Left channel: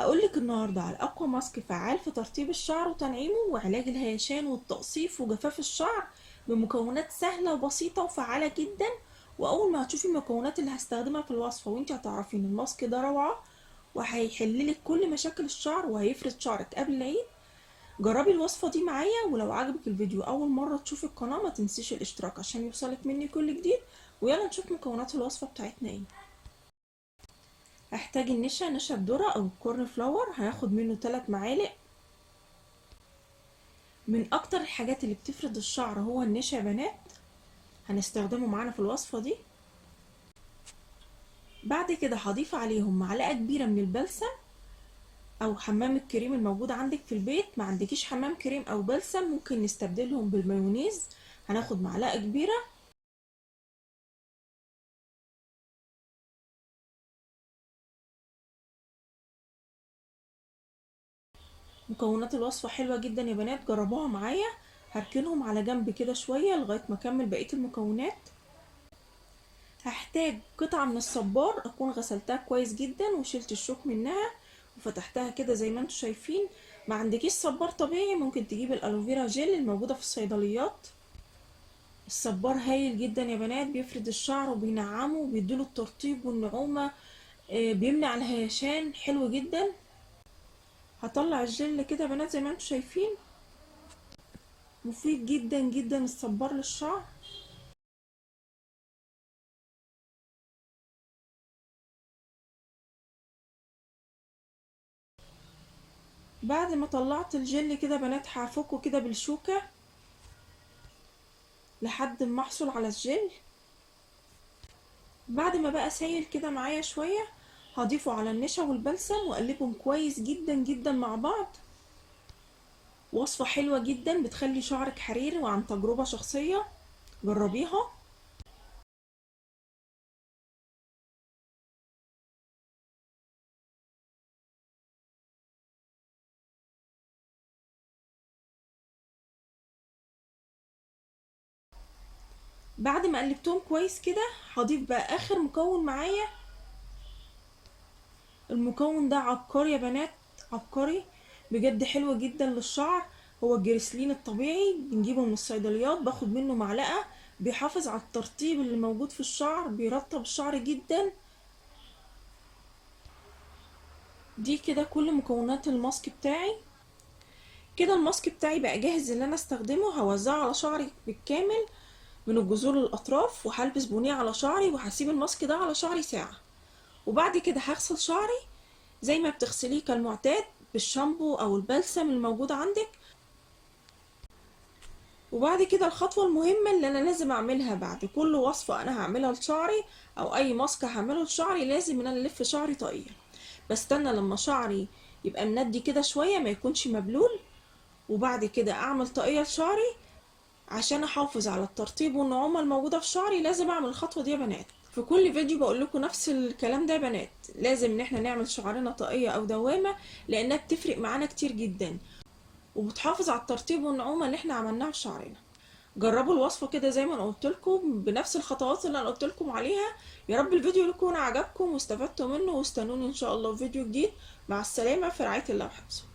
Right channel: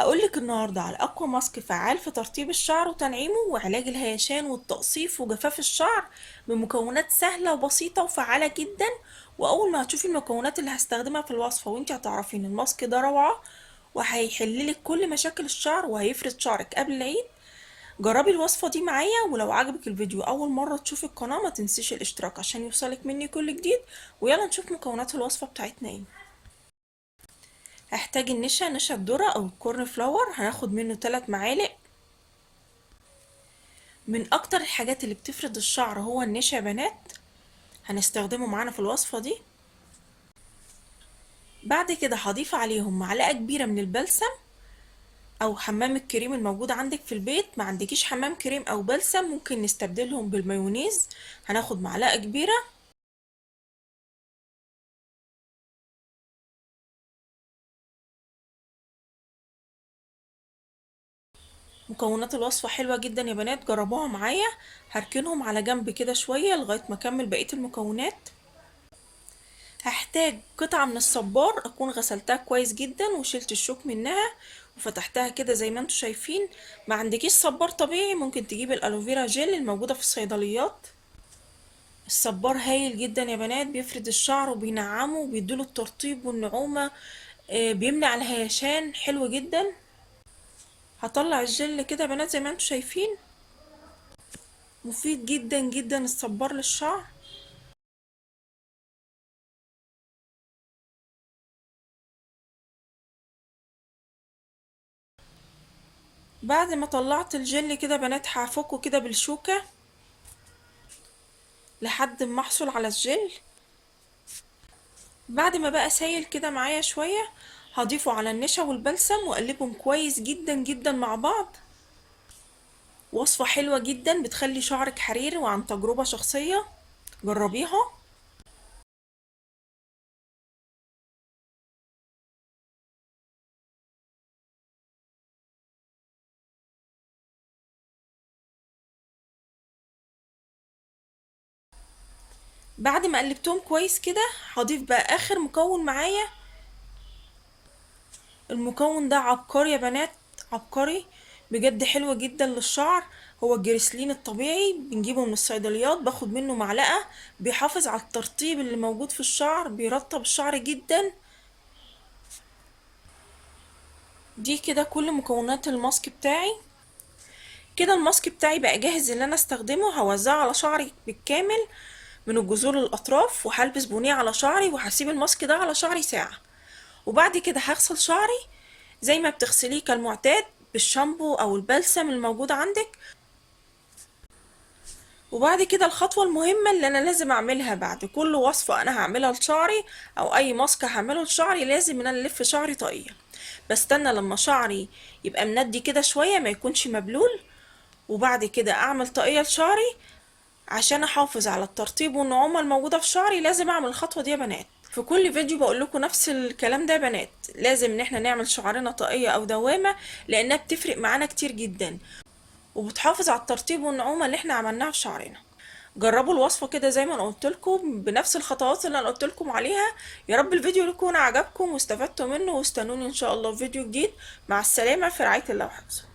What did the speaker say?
هقولك النهاردة على أقوى ماسك فعال في ترطيب الشعر وتنعيمه وعلاج الهيشان والتقصيف وجفاف الشعر بمكونات سهلة وبسيطة وفعالة جدا. وأول ما هتشوفي المكونات اللي هستخدمها في الوصفة وانتي هتعرفين الماسك ده روعة وهيحللك كل مشاكل الشعر وهيفرد شعرك قبل العيد. جربي الوصفة دي معايا، ولو عجبك الفيديو أول مرة تشوفي القناة ما تنسيش الاشتراك عشان يوصلك مني كل جديد. ويلا نشوف مكونات الوصفة بتاعتنا ايه. هحتاج نشا الذرة او الكورن فلاور، هناخد منه 3 معالق. من اكتر الحاجات اللي بتفرد الشعر هو النشا يا بنات، هنستخدمه معانا في الوصفة دي. بعد كده هضيف عليهم معلقة كبيرة من البلسم او حمام الكريم الموجود عندك في البيت. ما عندكيش حمام كريم او بلسم ممكن نستبدلهم بالمايونيز، هناخد معلقة كبيرة. مكونات الوصفة حلوة جدا يا بنات، جربوها معايا. هركنهم على جنب كده شوية لغاية ما اكمل بقية المكونات. هحتاج قطعة من الصبار اكون غسلتها كويس جدا وشلت الشوك منها وفتحتها كده زي ما انتوا شايفين. ما عندكيش صبار طبيعي ممكن تجيب الالوفيرا جيل الموجودة في الصيدليات. الصبار هايل جدا يا بنات، بيفرد الشعر وبينعمه وبيديله الترطيب والنعومة. بيمنع الهيشان، حلو جدا. هطلع الجل كده يا بنات زي ما انتوا شايفين، مفيد جدا جدا الصبار للشعر. بعد ما طلعت الجل كده يا بنات هفكه كده بالشوكة لحد ما احصل على الجل. بعد ما بقى سايل كده معايا شوية هضيفه على النشا والبلسم واقلبهم كويس جدا جدا مع بعض. وصفة حلوة جدا بتخلي شعرك حرير وعن تجربة شخصية، جربيها. بعد ما قلبتهم كويس كده هضيف بقى اخر مكون معايا. المكون ده عبقري يا بنات، عبقري بجد، حلو جدا للشعر. هو الجريسلين الطبيعي بنجيبه من الصيدليات، باخد منه معلقة، بيحافظ على الترطيب اللي موجود في الشعر، بيرطب الشعر جدا. دي كده كل مكونات الماسك بتاعي. كده الماسك بتاعي بقى جاهز ان انا استخدمه. هوزعه على شعري بالكامل من الجذور للاطراف، وهلبس بونيه على شعري وهسيب الماسك ده على شعري ساعة. وبعد كده هغسل شعري زي ما بتغسليه كالمعتاد بالشامبو او البلسم الموجود عندك. وبعد كده الخطوة المهمة اللي انا لازم اعملها بعد كل وصفة انا هعملها لشعري او اي ماسك هعمله لشعري، لازم ان انا الف شعري طاقية. بستنى لما شعري يبقى مندي كده شوية ما يكونش مبلول، وبعد كده اعمل طاقية لشعري. عشان احافظ على الترطيب والنعومة الموجودة في شعري لازم اعمل الخطوة دي يا بنات. في كل فيديو بقول لكم نفس الكلام ده يا بنات، لازم ان احنا نعمل شعرنا طاقية او دوامة لانها بتفرق معانا كتير جدا وبتحافظ على الترطيب والنعومة اللي احنا عملناها في شعرنا. جربوا الوصفة كده زي ما انا قلت لكم بنفس الخطوات اللي انا قلت لكم عليها. يا رب الفيديو يكون عجبكم واستفدتوا منه، واستنوني ان شاء الله في فيديو جديد. مع السلامة، في رعاية الله وحفظه.